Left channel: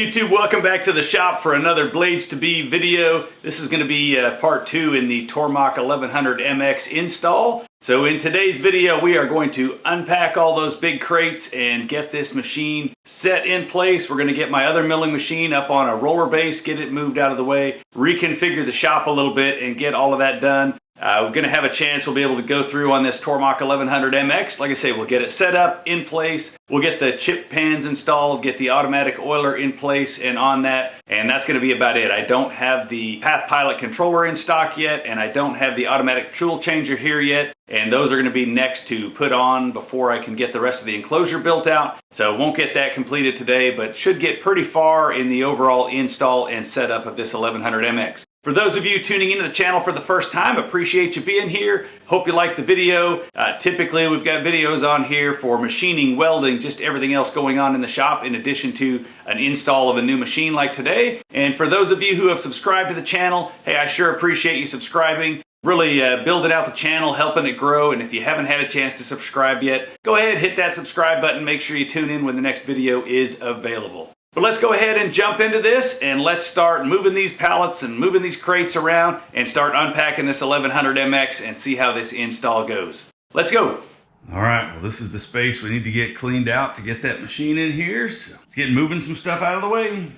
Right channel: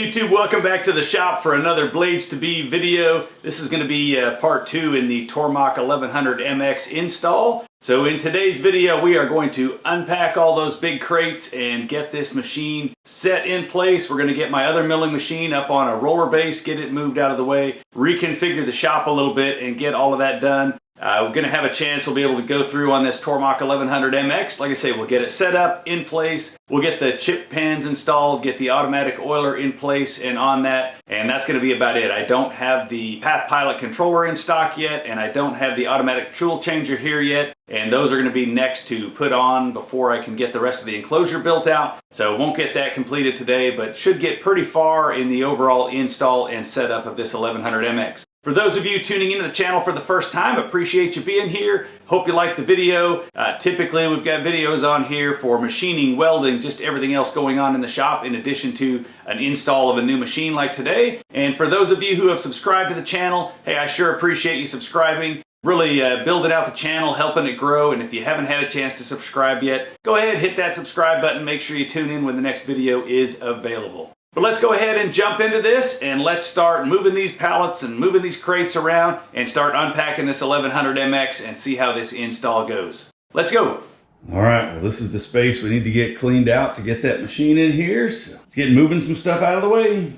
YouTube, welcome back to the shop for another Blades to Be video. This is going to be part 2 in the Tormach 1100MX install. So in today's video we are going to unpack all those big crates and get this machine set in place. We're going to get my other milling machine up on a roller base, get it moved out of the way, reconfigure the shop a little bit and get all of that done. We're going to have a chance, we'll be able to go through on this Tormach 1100MX. Like I say, we'll get it set up, in place. We'll get the chip pans installed, get the automatic oiler in place and on that. And that's going to be about it. I don't have the Path Pilot controller in stock yet, and I don't have the automatic tool changer here yet. And those are going to be next to put on before I can get the rest of the enclosure built out. So won't get that completed today, but should get pretty far in the overall install and setup of this 1100MX. For those of you tuning into the channel for the first time, appreciate you being here. Hope you like the video. Typically we've got videos on here for machining, welding, just everything else going on in the shop in addition to an install of a new machine like today. And for those of you who have subscribed to the channel, hey, I sure appreciate you subscribing. Really building out the channel, helping it grow, and if you haven't had a chance to subscribe yet, go ahead, hit that subscribe button, make sure you tune in when the next video is available. But let's go ahead and jump into this, and let's start moving these pallets and moving these crates around and start unpacking this 1100MX and see how this install goes. Let's go! Alright, well this is the space we need to get cleaned out to get that machine in here, so let's get moving some stuff out of the way.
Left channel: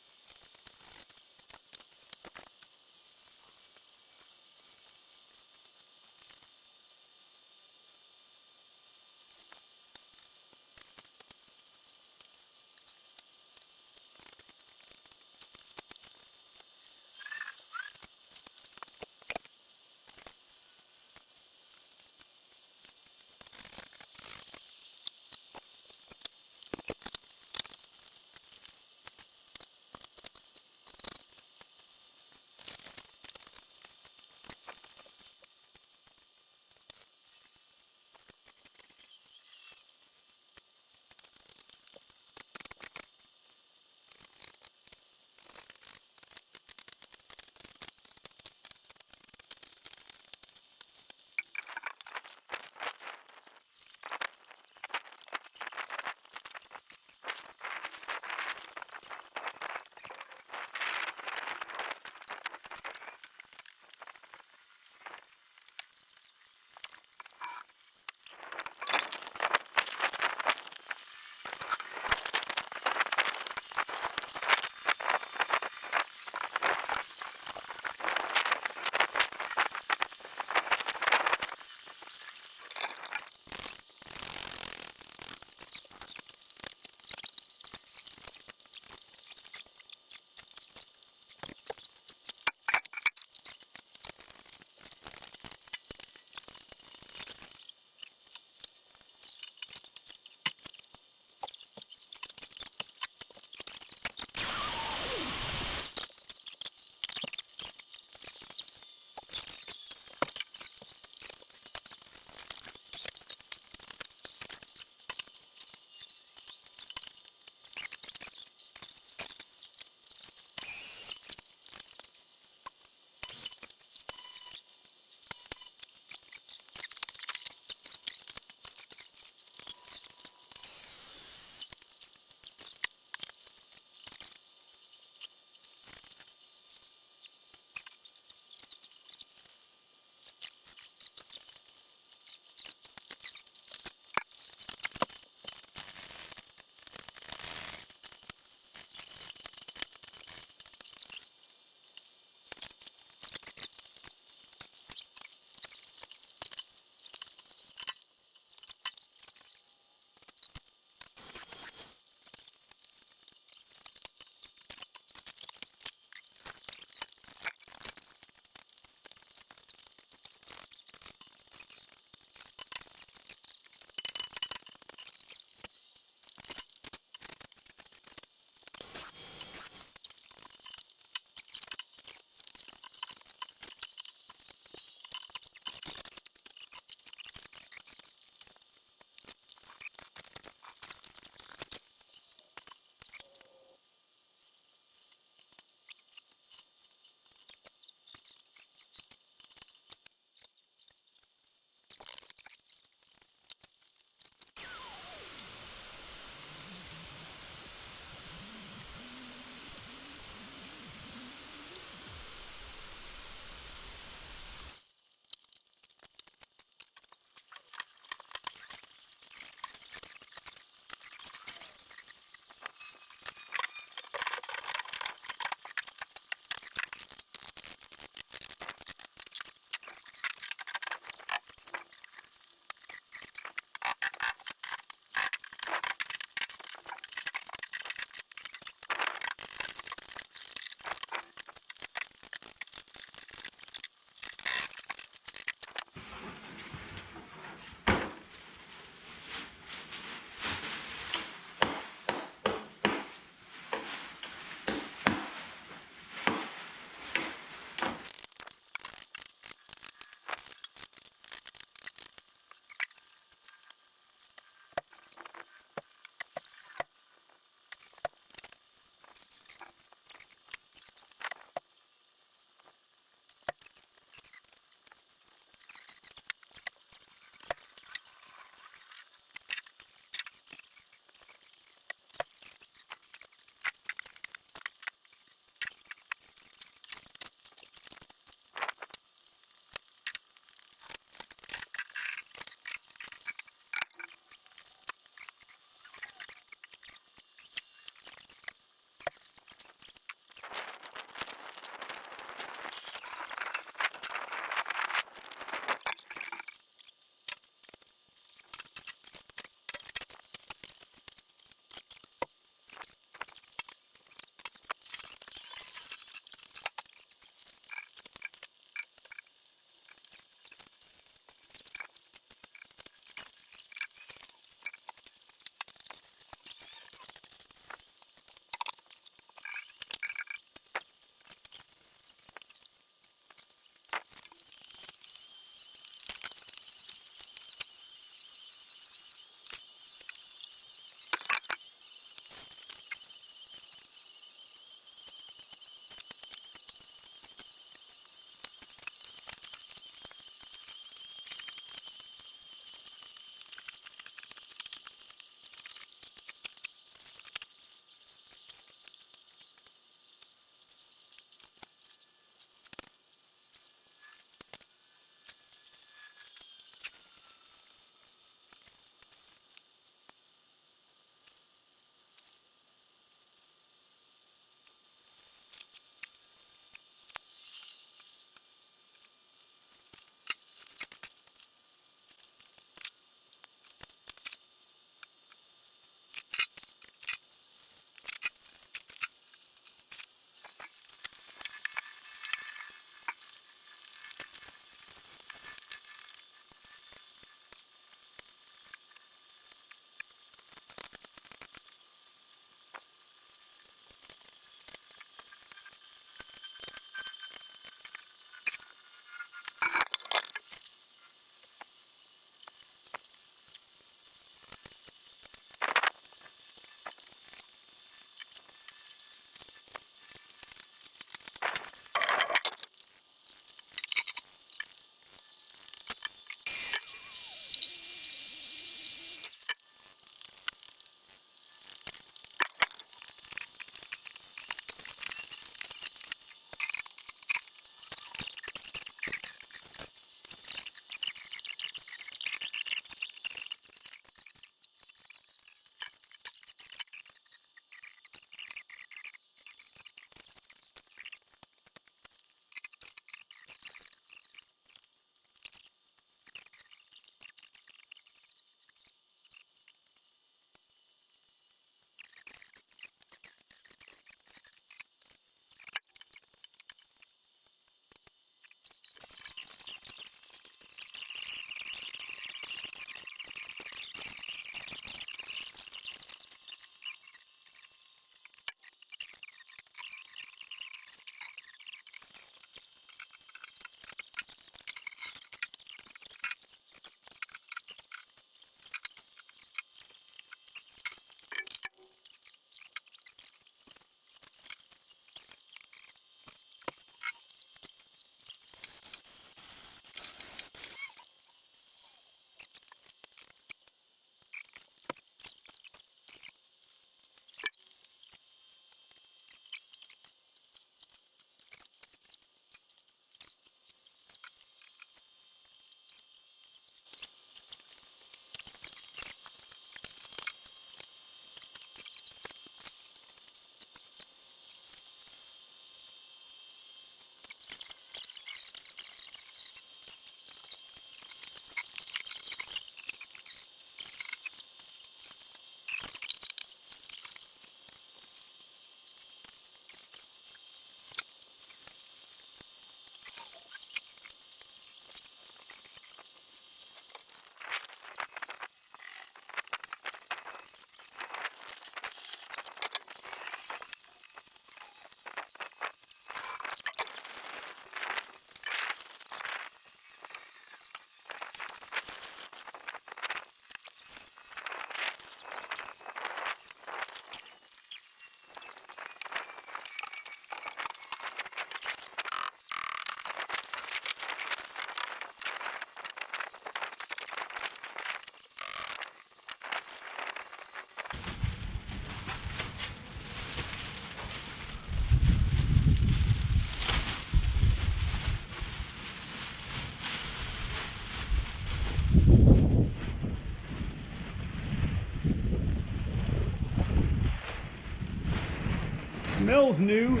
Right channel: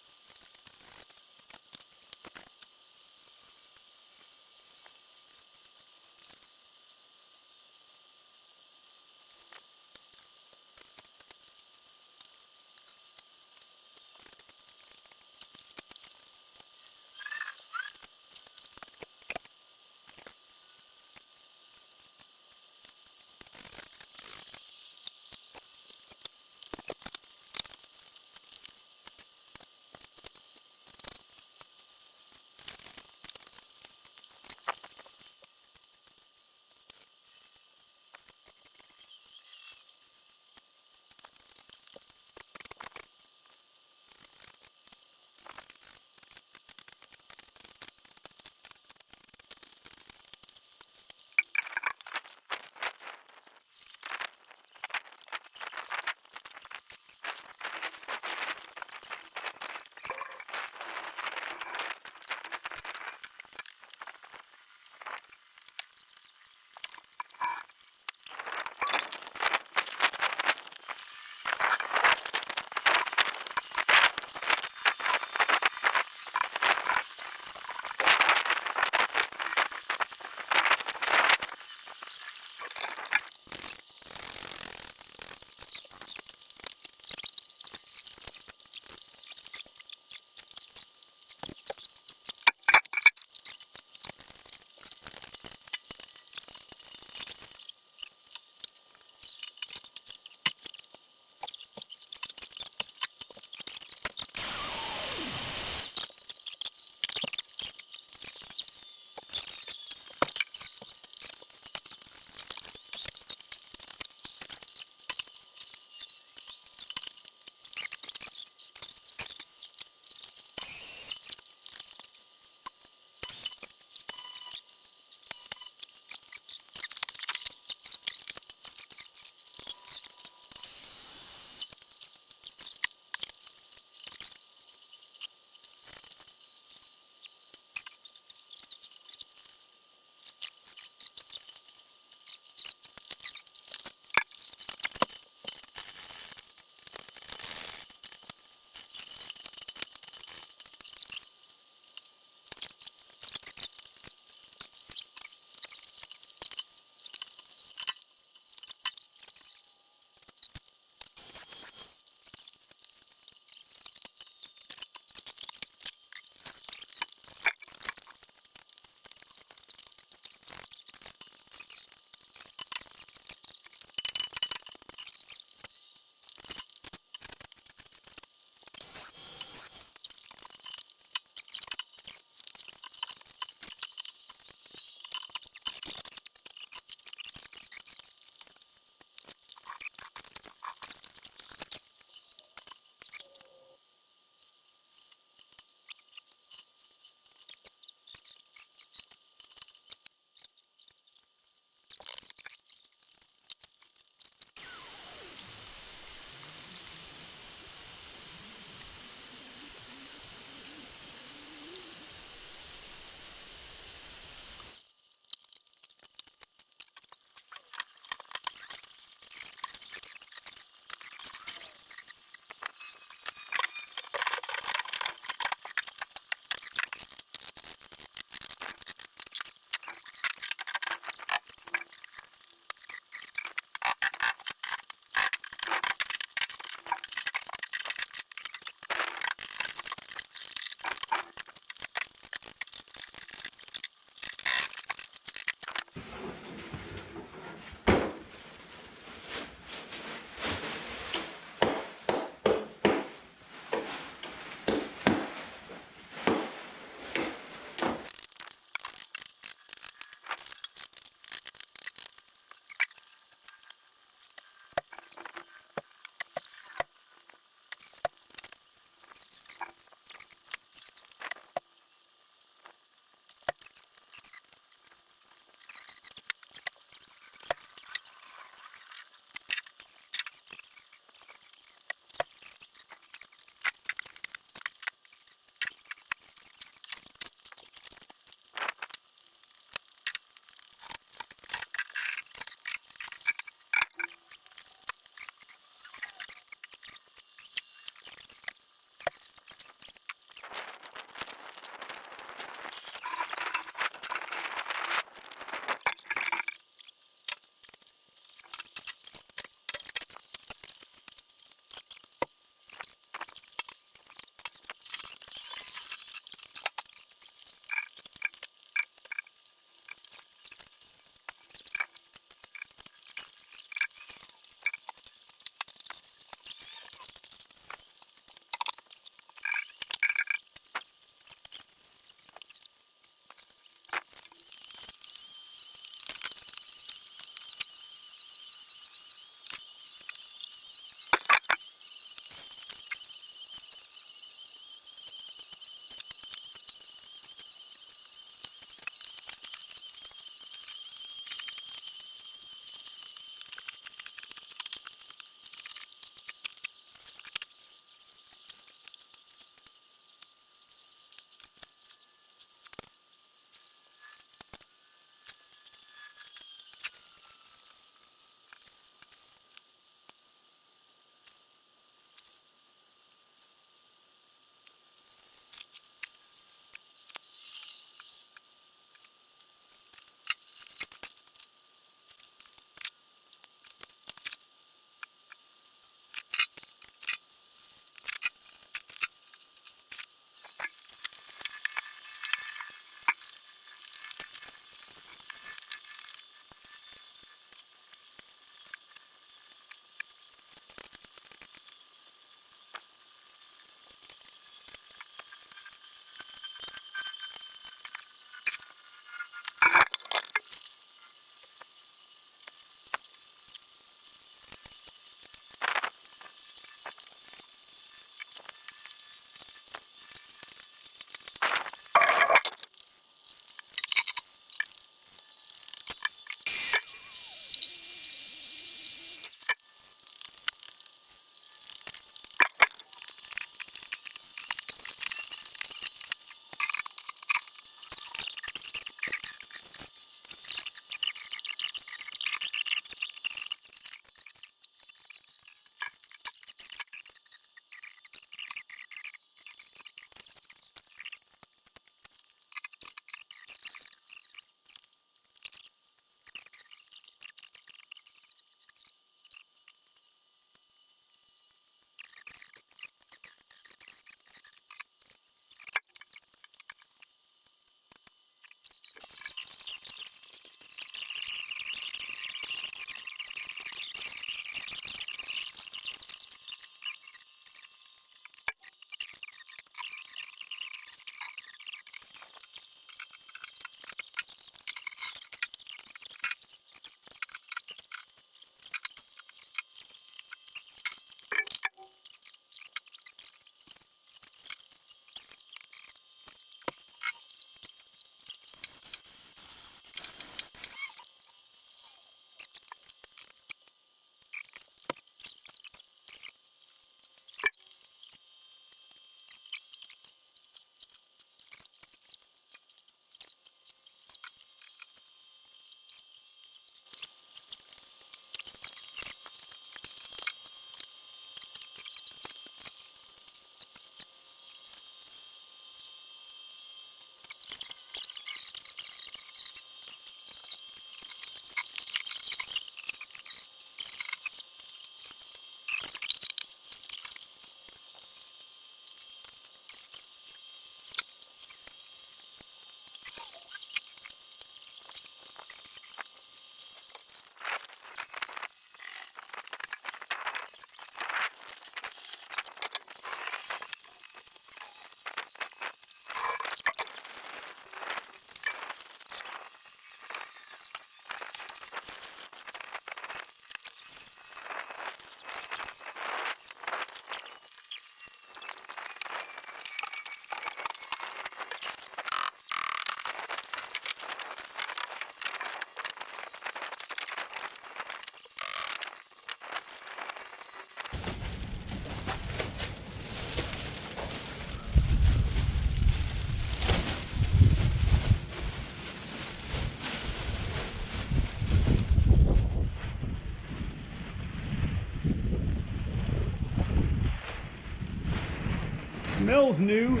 smells new.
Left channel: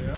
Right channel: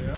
Yeah.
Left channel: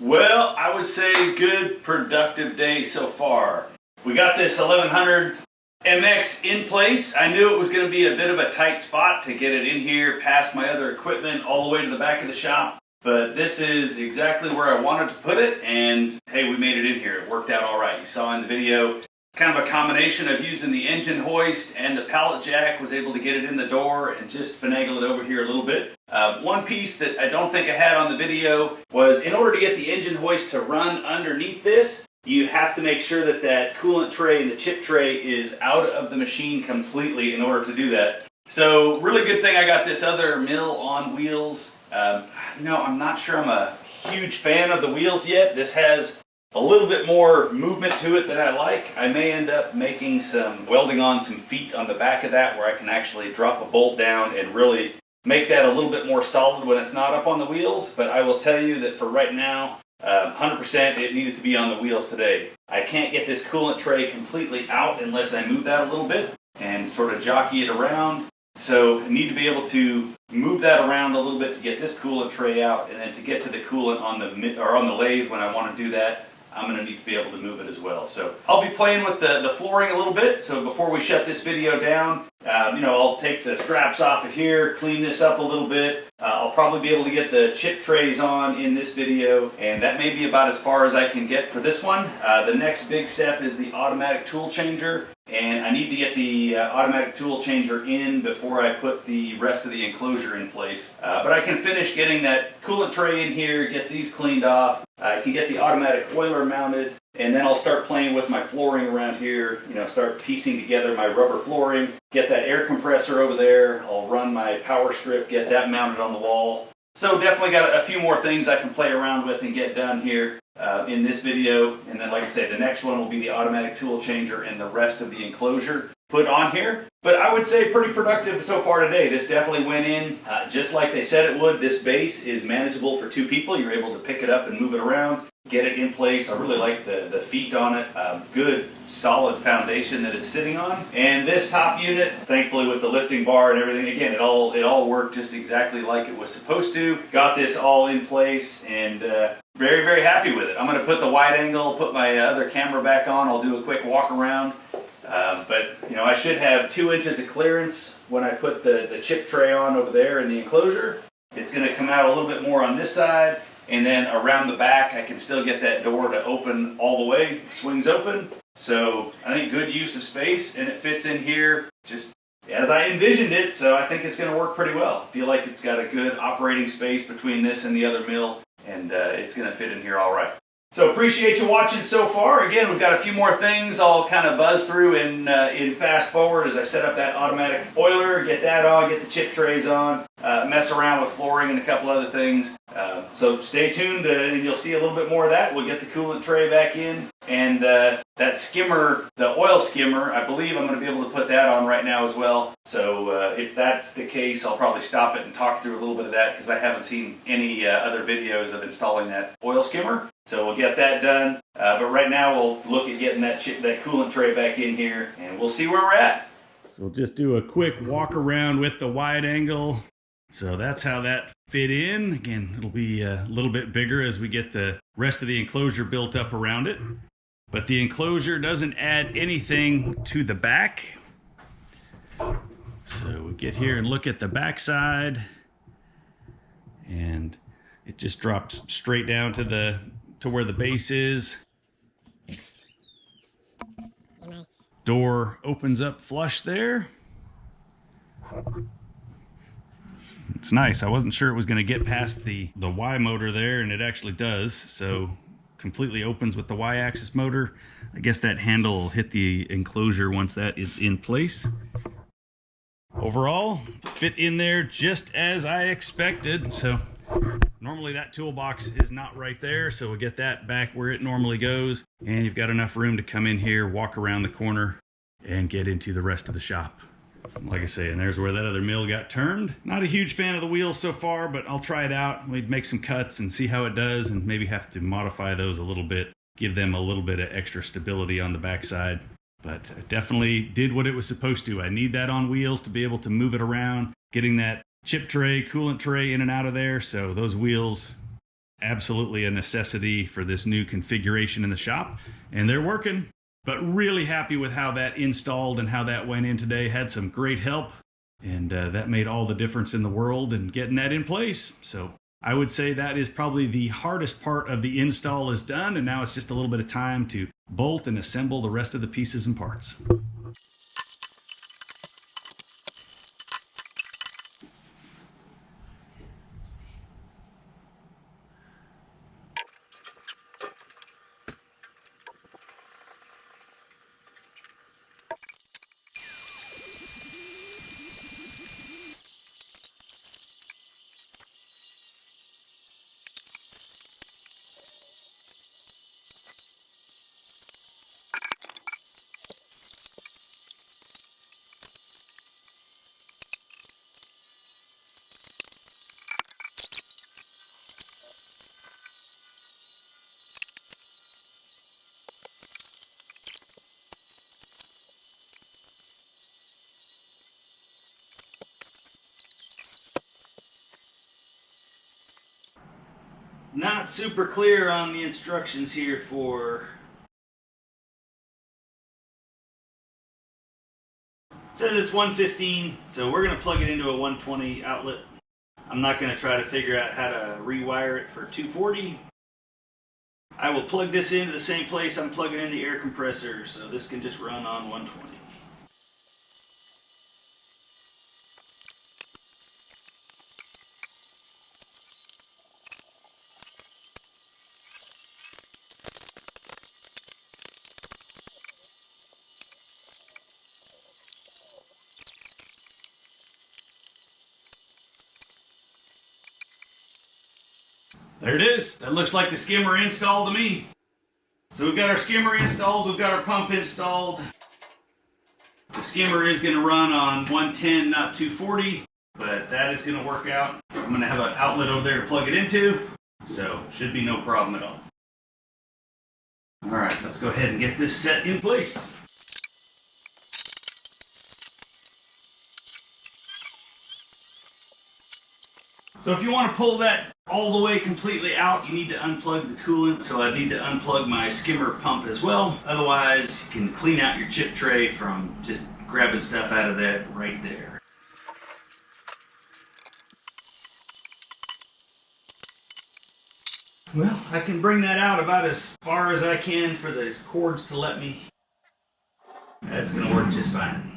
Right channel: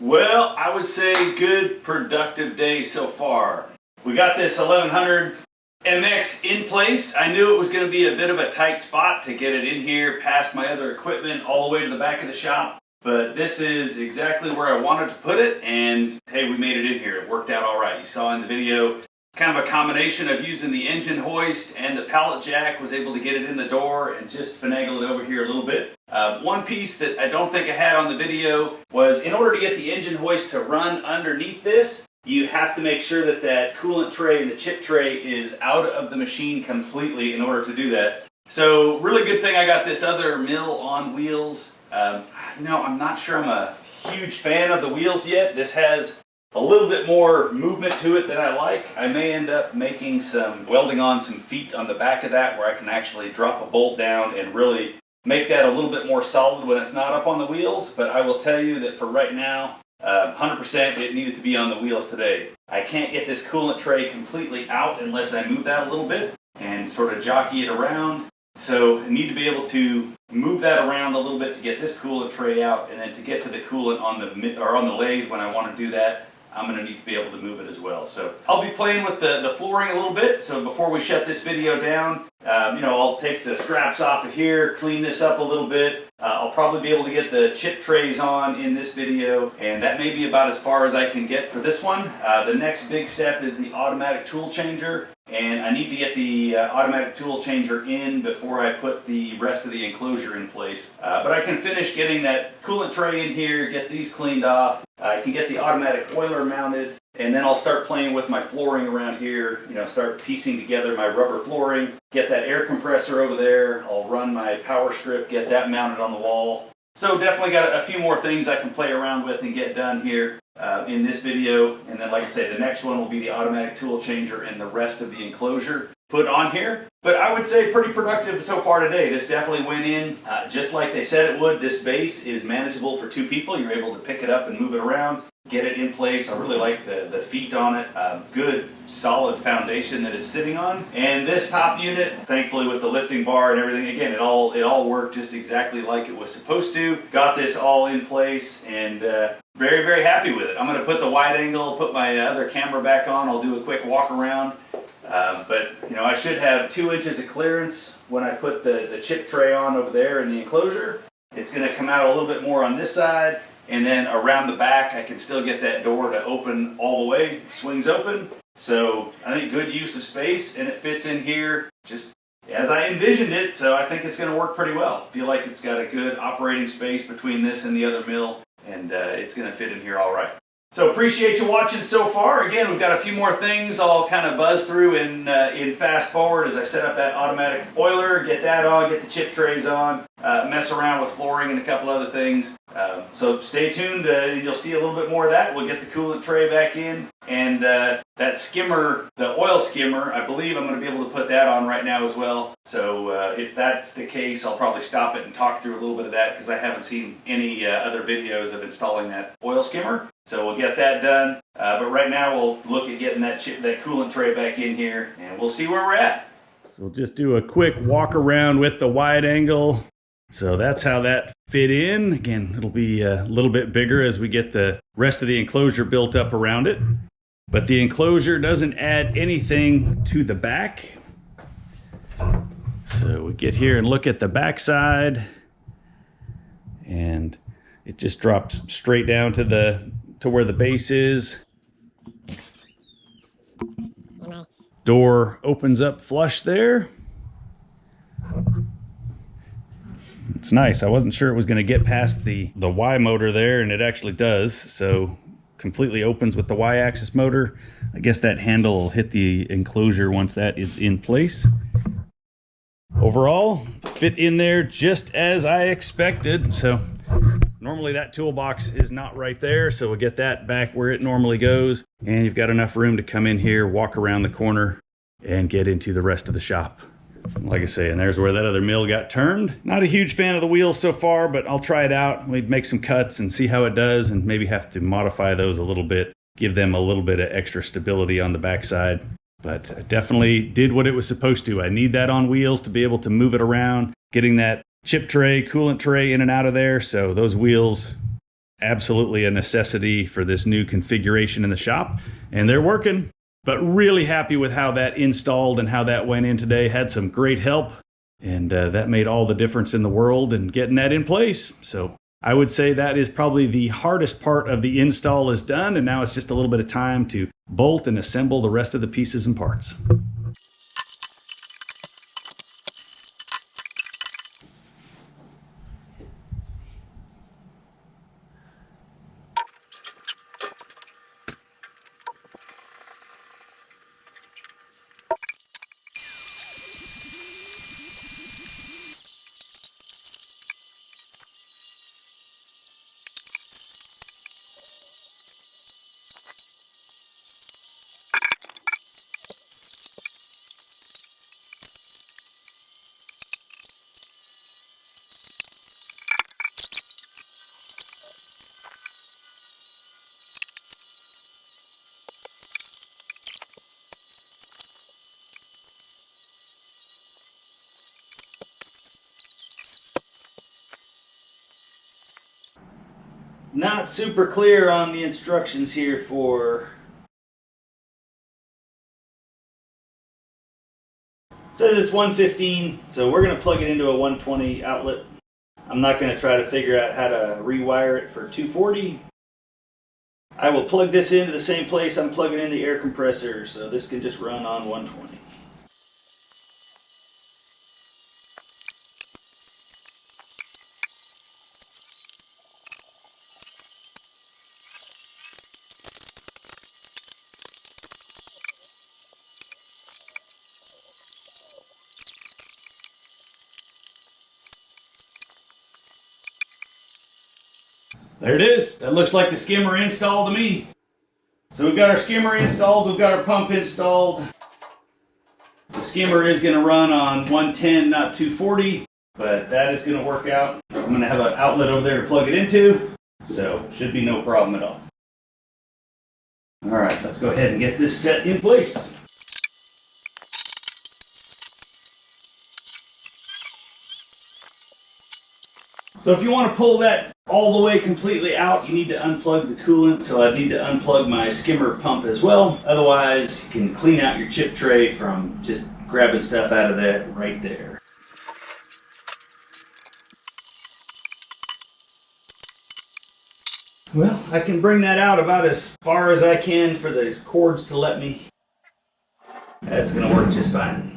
Well, I would say good productive day so far. We got this 1100 MX in place. I knew it was going to be a bit of a tight spot to get it in here past my other equipment all the way to the back of the shop. But this is exactly where I wanted to put it, and hey, we made it in here. It worked out all right. You saw in the video, kind of a combination of using the engine hoist and the pallet jack, was able to get it in the door and just finagle it over here a little bit. One piece that I don't think I had on the video was, in order to get the engine hoist to run underneath this, you have to make sure that that coolant tray and the chip tray is out of the machine completely in order to do that. So really good thing I got this other mill on wheels. You know, I'm not sure I'm a huge fan of the wheels yet. This has a little bit more movement to it than I like. I may end up making some, welding on some feet on the back of that where I can actually drop a bolt down and really make that a little bit more solid when it's not up on the wheels. But I will tell you that for right now, 100% it needed to be on the wheels today. I can't get this coolant tray completely out unless I move that a little bit and sort of jockey it around. So I need to be able to move that around a little bit to get this coolant tray out, and then to get to the coolant on the lathe when I want to do that, I'm going to need to be able to move it as well. So I'll be playing with the flooring a little bit. So before we shut this video down, I'll take the straps off of here, clean this up a little bit. I'll probably be able to get the chip trays on in this video, and that may be about as far as I can get for this one. The next big step is the automatic tool changer, and I need to get the automatic tool changer in before I put the rest of the enclosure in place. But I can finish getting that coolant tray in here, get these cleaned off. I can get the automatic oiler mounted, and then I'll start playing with my flooring around here, start piecing together my rubber flooring, get that air compressor over there. I'll run my power strip, get that mounted on the wall. So definitely got a few more things I can play around with and get done here in this video. And then, like I said, the next one will be the automatic tool changer and the rest of the enclosure put on here. But I would say pretty productive so far today. This definitely went in just like they said it would. This base is manageable for two people. You're able to pick it up and move it around, get it in place. I really like the feet on it. Good solid foundation that it's sitting on. And this top unit, thankfully with the lifting bar and everything, again, it all worked just exactly like it was supposed to. Got this all in place, and very, very happy with it. I'm going to put the wide angle, put my other camera back on. I'll do a quick walk around. But I should have 2 inches of clearance when I put the chip tray on over there in the enclosure. It's going to come out a little bit more on this side, and then around the back I can still get that door to open all the way, swings open. So I think good use of space, and it fits in here just as I envisioned it, so I think it's going to work pretty well. I feel like it's got a good operating space between this and the other mill, and it's going to fit in here all right. So appreciate you watching so far. Again, we've got a few more things I'll kind of buzz through in fast forward as I set up that automatic oiler, get that on, get the chip trays on, mess around with flooring and a couple other things. So stay tuned and you'll see a little bit more of that. We'll get the coolant tray back in, and that skimmer, the oil skimmer, I believe I'm going to be able to put that on right now as well. So if that's the case, I'll probably stop it and talk through a little bit of that because I haven't seen any other videos of installing that oil skimmer. So we'll get that done. But right now we'll look at getting that coolant tray back in here, and we'll see where we're at. So we'll just do a quick walk around with the wide angle. So that's how that fit in. Again, it'll be a little bit bigger as we get the rest of the enclosure built up around it. But the enclosure doesn't add anything to the back. So we get here and look at the back side, and it just drops straight down to where the base is. Door opens up flush there. It's nice. I wasn't sure it was going to get past the Y motor there, and it actually does. So completely opens with the Y-axis motor. I guess that handle will hit the enclosure once that is in place. Overall, fit in there just as I expected. So normally that toolbox is not right there, so we'll get that back where it normally goes. And you've got enough room to come in here, walk around the corner, and get into the rest of the shop. Like I say, and there's where that other mill got turned. Not a huge fan of the wheels so far, but I'll try it out. We'd make some cuts and see how it does, and maybe have to modify those a little bit, give them a little bit of extra stability on the backside. But I definitely did what it was supposed to. I need that on wheels to be able to move it around, getting that chip tray, coolant tray in and out of there. So those wheels, absolutely a necessity for this new configuration in the shop, and they're working. But really happy with how that installed and how that went in today. Had some great help, and that made all the difference in the world in getting that in place. So I would say that is probably the hardest part of the install is done, and now it's just a little bit of time to bolt and assemble the rest of the pieces and parts. not super clear on the instructions here for... It says it's 115, so we're going to plug it into a 120 outlet. I'm not going to try to figure out how to rewire it for 240. I will plug this into the same place I'm plugging in the air compressor, so this can just run on 120. There it is. That looks like the skimmer installed to me. So we've got our skimmer installed, we've got our pump installed. The skimmer is going to run on 110, not 240, but that is going to work out. I'm going to have an outlet over there to plug it into, so should be no problem at all. All right, let's go ahead and get this set in place. So if you want to pull that all the way completely out, you need to unplug the coolant. So I need to unplug my skimmer pump as well. Otherwise, you can clean out your chip tray from just grabbing stuff out of that right there. Well, I can bring that out about as far as I can for the cords to let me. That's going to work just fine.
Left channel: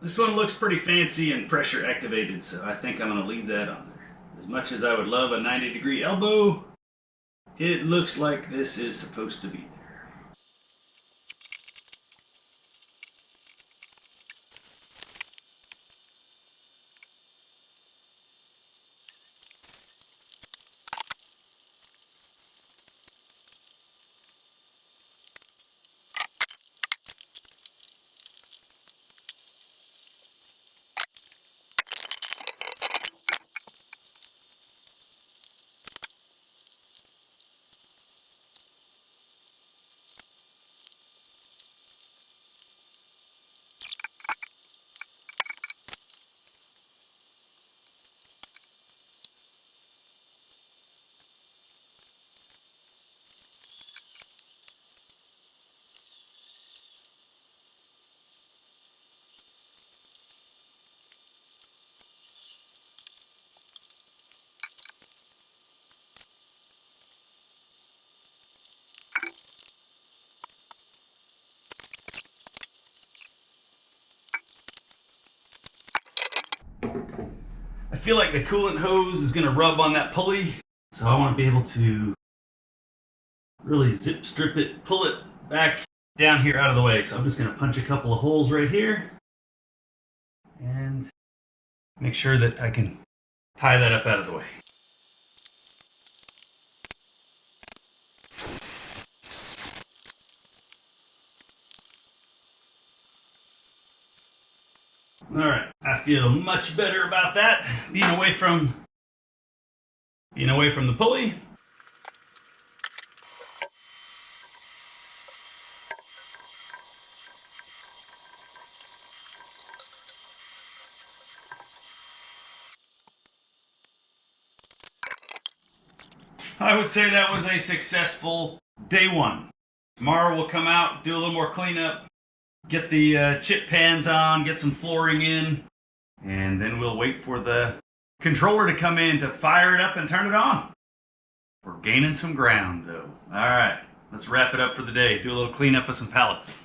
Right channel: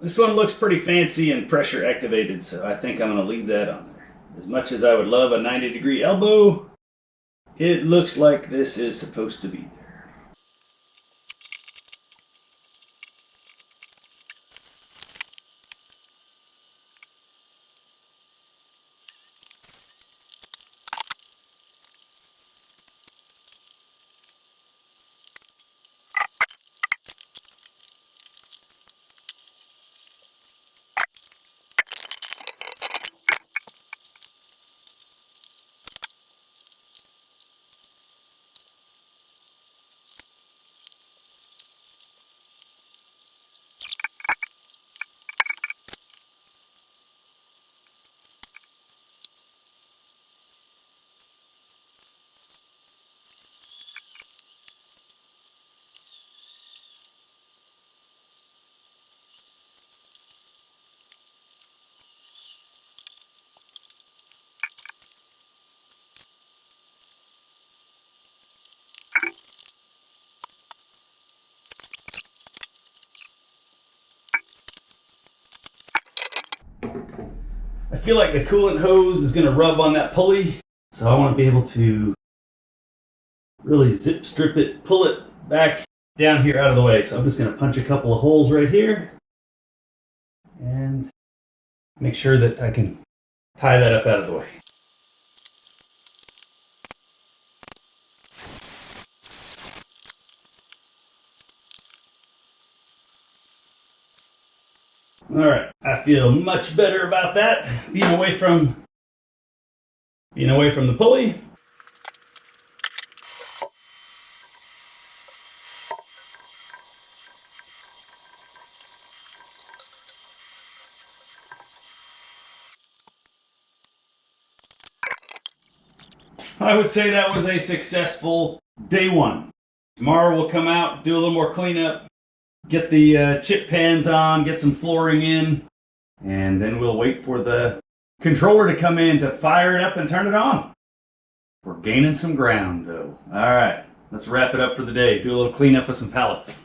This one looks pretty fancy and pressure activated, so I think I'm going to leave that on there. As much as I would love a 90-degree elbow, it looks like this is supposed to be there. I feel like the coolant hose is going to rub on that pulley, so I want to be able to really zip strip it, pull it back down here out of the way. So I'm just going to punch a couple of holes right here and make sure that I can tie that up out of the way. All right, I feel much better about that, being away from the pulley. I would say that was a successful day one. Tomorrow we'll come out, do a little more cleanup, get the chip pans on, get some flooring in, and then we'll wait for the controller to come in to fire it up and turn it on. We're gaining some ground though. All right, let's wrap it up for the day. Do a little cleanup of some pallets.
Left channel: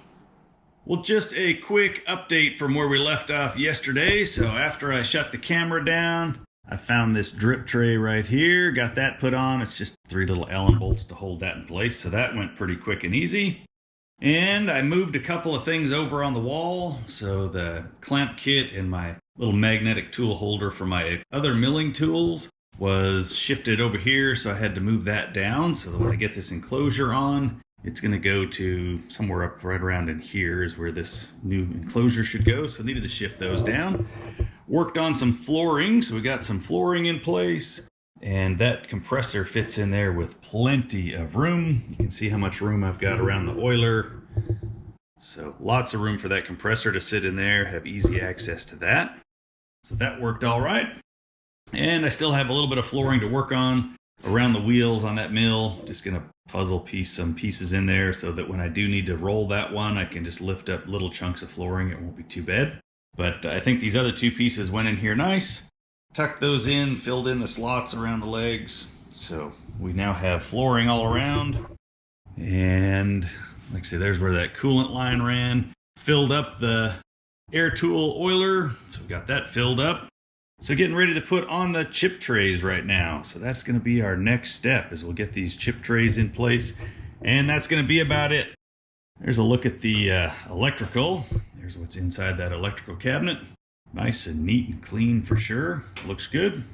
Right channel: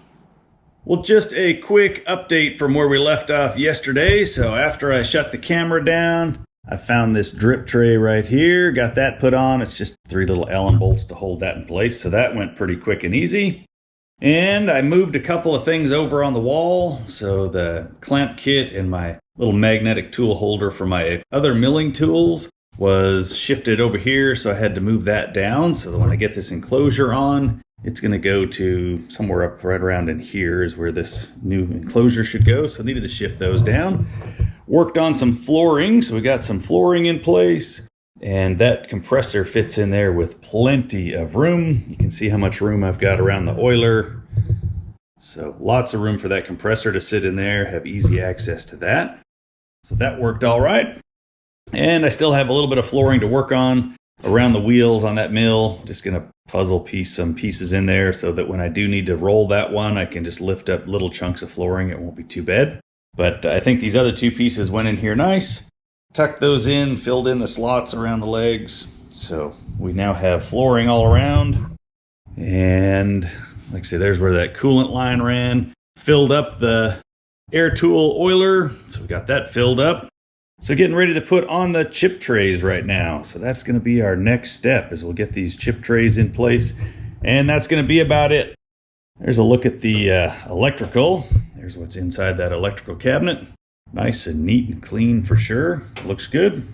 Well, just a quick update from where we left off yesterday. So after I shut the camera down, I found this drip tray right here, got that put on. It's just 3 little Allen bolts to hold that in place. So that went pretty quick and easy. And I moved a couple of things over on the wall. So the clamp kit and my little magnetic tool holder for my other milling tools was shifted over here. So I had to move that down so that when I get this enclosure on, it's going to go to somewhere up right around in here is where this new enclosure should go. So I needed to shift those down. Worked on some flooring, so we got some flooring in place, and that compressor fits in there with plenty of room. You can see how much room I've got around the oiler. So lots of room for that compressor to sit in there, have easy access to that. So that worked all right. And I still have a little bit of flooring to work on around the wheels on that mill. Just gonna puzzle piece some pieces in there so that when I do need to roll that one, I can just lift up little chunks of flooring. It won't be too bad. But I think these other 2 pieces went in here nice. Tucked those in, filled in the slots around the legs. So we now have flooring all around. And like I say, there's where that coolant line ran. Filled up the air tool oiler. So we got that filled up. So getting ready to put on the chip trays right now. So that's going to be our next step, is we'll get these chip trays in place. And that's going to be about it. There's a look at the electrical. There's what's inside that electrical cabinet. Nice and neat and clean for sure. Looks good.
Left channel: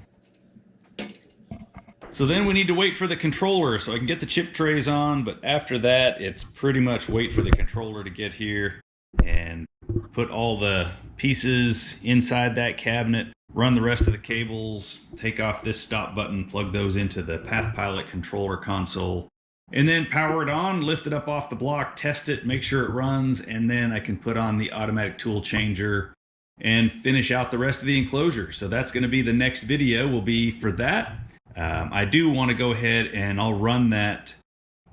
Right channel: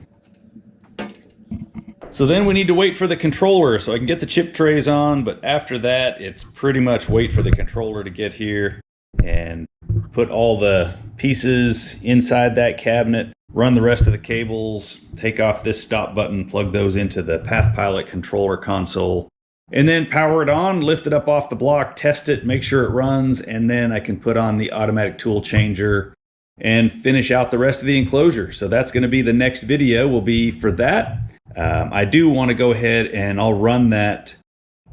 So then we need to wait for the controller so I can get the chip trays on, but after that, it's pretty much wait for the controller to get here and put all the pieces inside that cabinet, run the rest of the cables, take off this stop button, plug those into the PathPilot controller console, and then power it on, lift it up off the block, test it, make sure it runs, and then I can put on the automatic tool changer and finish out the rest of the enclosure. So that's going to be the next video will be for that. I do want to go ahead and I'll run that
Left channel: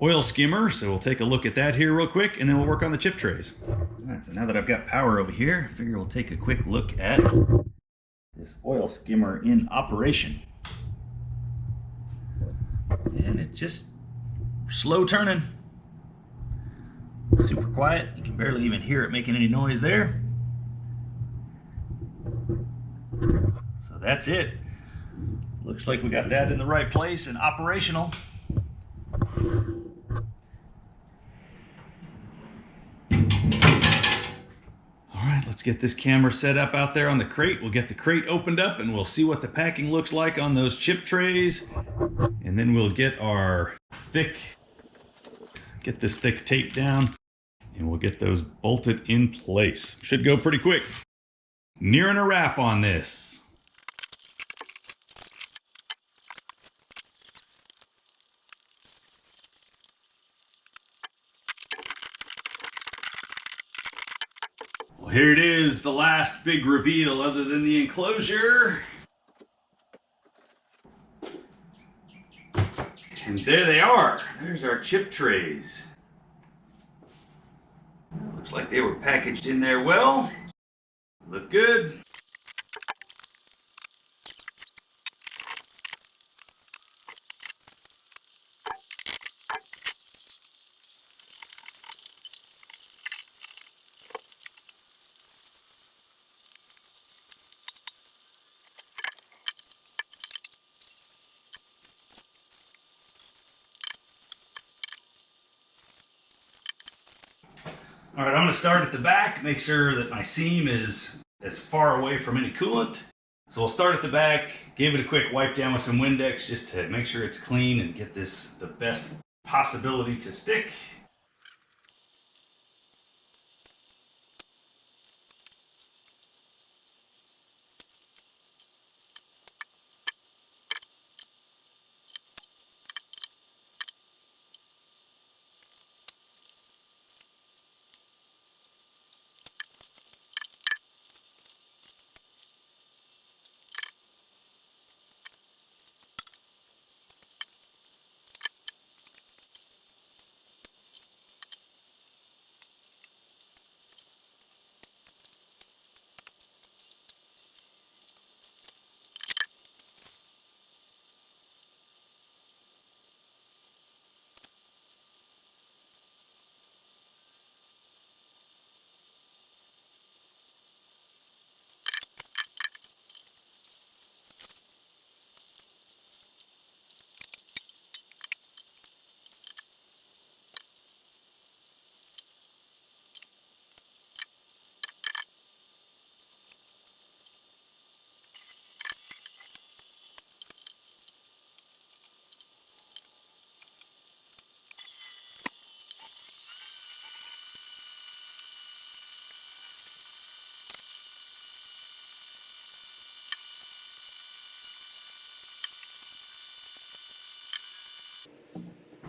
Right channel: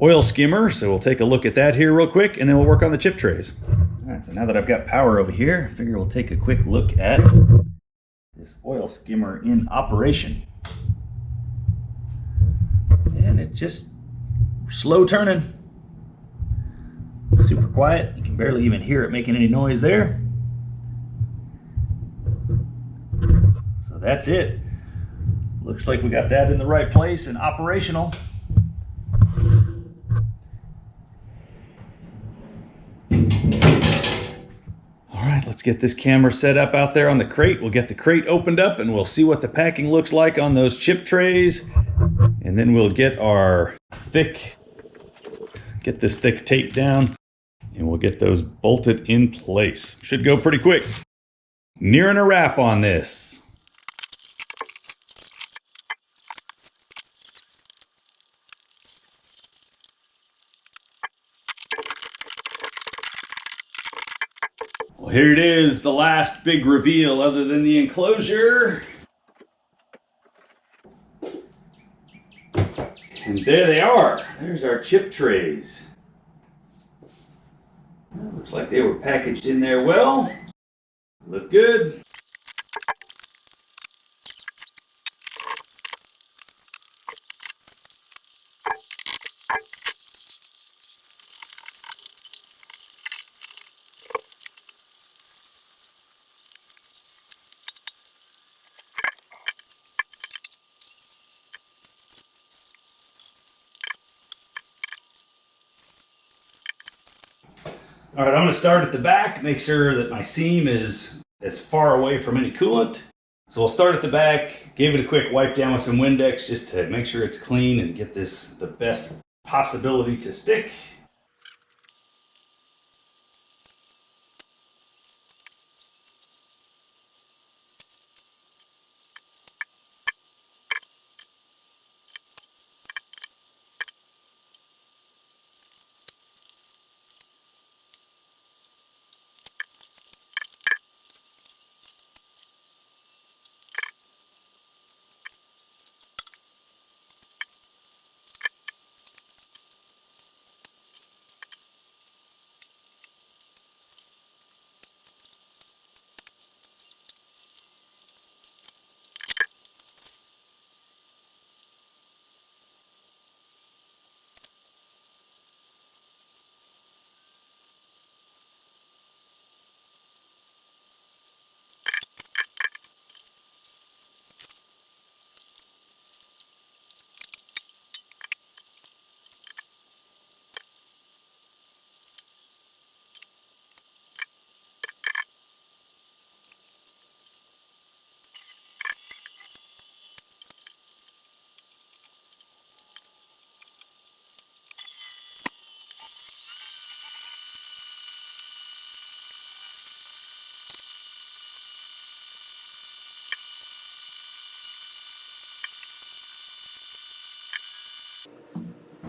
oil skimmer. So we'll take a look at that here real quick, and then we'll work on the chip trays. All right, so now that I've got power over here, I figure we'll take a quick look at this oil skimmer in operation. And it just slow turning, super quiet. You can barely even hear it making any noise there. So that's it. Looks like we got that in the right place and operational. All right, let's get this camera set up out there on the crate. We'll get the crate opened up and we'll see what the packing looks like on those chip trays. And then we'll get this thick tape down, and we'll get those bolted in place. Should go pretty quick. Nearing a wrap on this. Well, here it is, the last big reveal other than the enclosure. And there they are. There's our chip trays. Well, looks like they were packaged in there well. Look good. All right, I'm going to start at the back, make sure that my seam is as far away from any coolant. So we'll start at the back, give it a quick wipe down with some Windex just to make sure it's clean and get this the best possibility to stick.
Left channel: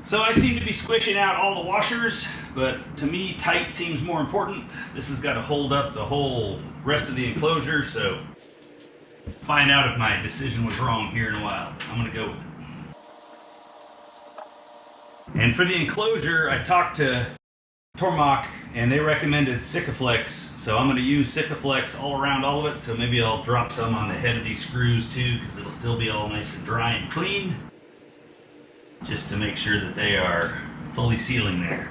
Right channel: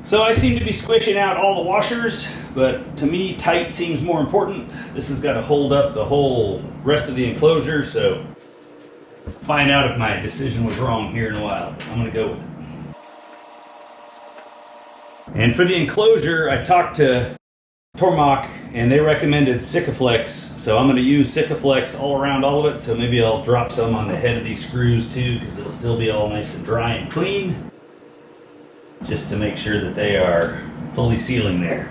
So I seem to be squishing out all the washers, but to me tight seems more important. This has got to hold up the whole rest of the enclosure, so find out if my decision was wrong here in a while. I'm going to go with it. And for the enclosure, I talked to Tormach and they recommended Sikaflex, so I'm going to use Sikaflex all around all of it, so maybe I'll drop some on the head of these screws too, because it'll still be all nice and dry and clean, just to make sure that they are fully sealing there.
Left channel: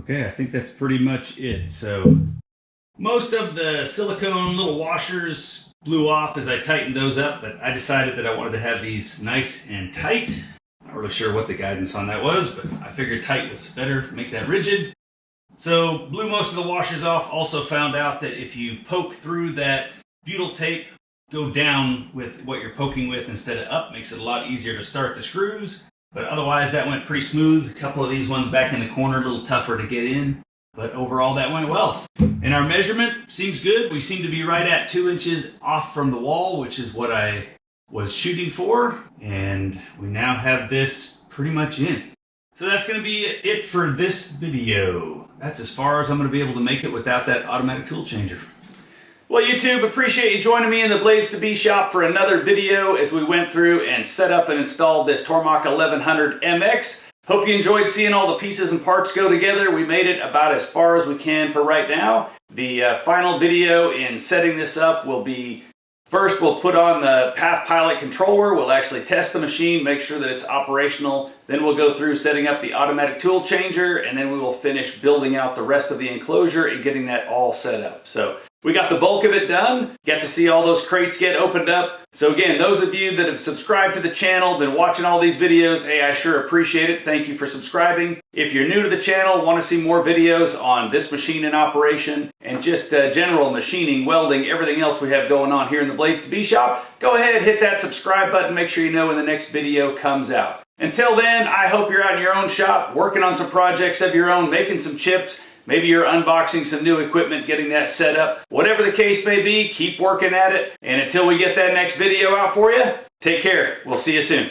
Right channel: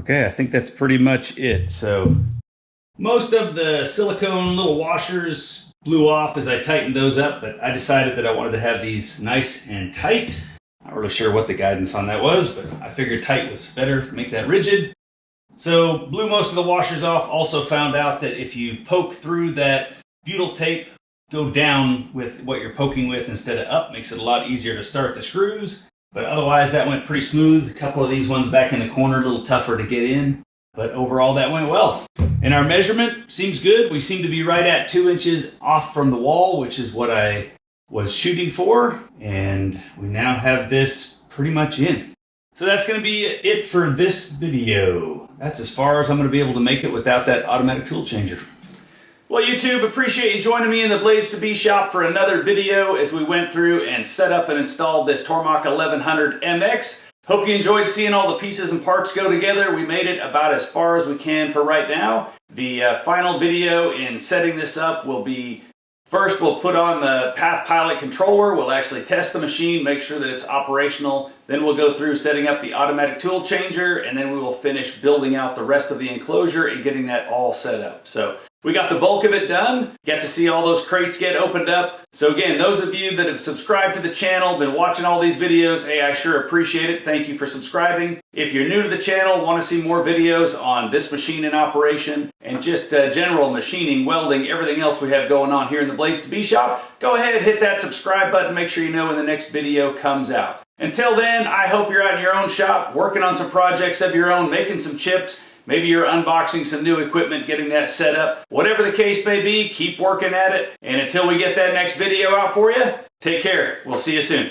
Okay, I think that's pretty much it. So most of the silicone little washers blew off as I tightened those up, but I decided that I wanted to have these nice and tight. Not really sure what the guidance on that was, but I figured tight was better, make that rigid. So blew most of the washers off. Also found out that if you poke through that butyl tape, go down with what you're poking with instead of up, makes it a lot easier to start the screws. But otherwise, that went pretty smooth. A couple of these ones back in the corner, a little tougher to get in. But overall, that went well. And our measurement seems good. We seem to be right at 2 inches off from the wall, which is what I was shooting for. And we now have this pretty much in. So that's going to be it for this video. That's as far as I'm going to be able to make it without that automatic tool changer. Well, YouTube, appreciate you joining me in the Blades to Be shop for another video as we went through and set up and installed this Tormach 1100MX. Hope you enjoyed seeing all the pieces and parts go together. We made it about as far as we can for right now. The final video in setting this up will be, first we'll put on the Path Pilot controller. We'll actually test the machine, make sure that it's operational. Then we'll go through setting up the automatic tool changer, and then we will finish building out the rest of the enclosure and getting that all set up. So we got the bulk of it done. Got to see all those crates get opened up. So again, those of you that have subscribed to the channel, been watching all these videos, hey, I sure appreciate it. Thank you for subscribing. If you're new to the channel, want to see more videos on this machine in operation and just general machining, welding, everything else we have going on here in the Blades to Be shop, go ahead, hit that subscribe button. Make sure you know when the next video comes out. Until then, I hope you're out in your own shop, working on some projects of your own, making some chips. Maybe you're unboxing some new equipment, getting that set up. Whatever the case may be, keep working at it. And until we get that next video out for you, take care. We'll see you soon.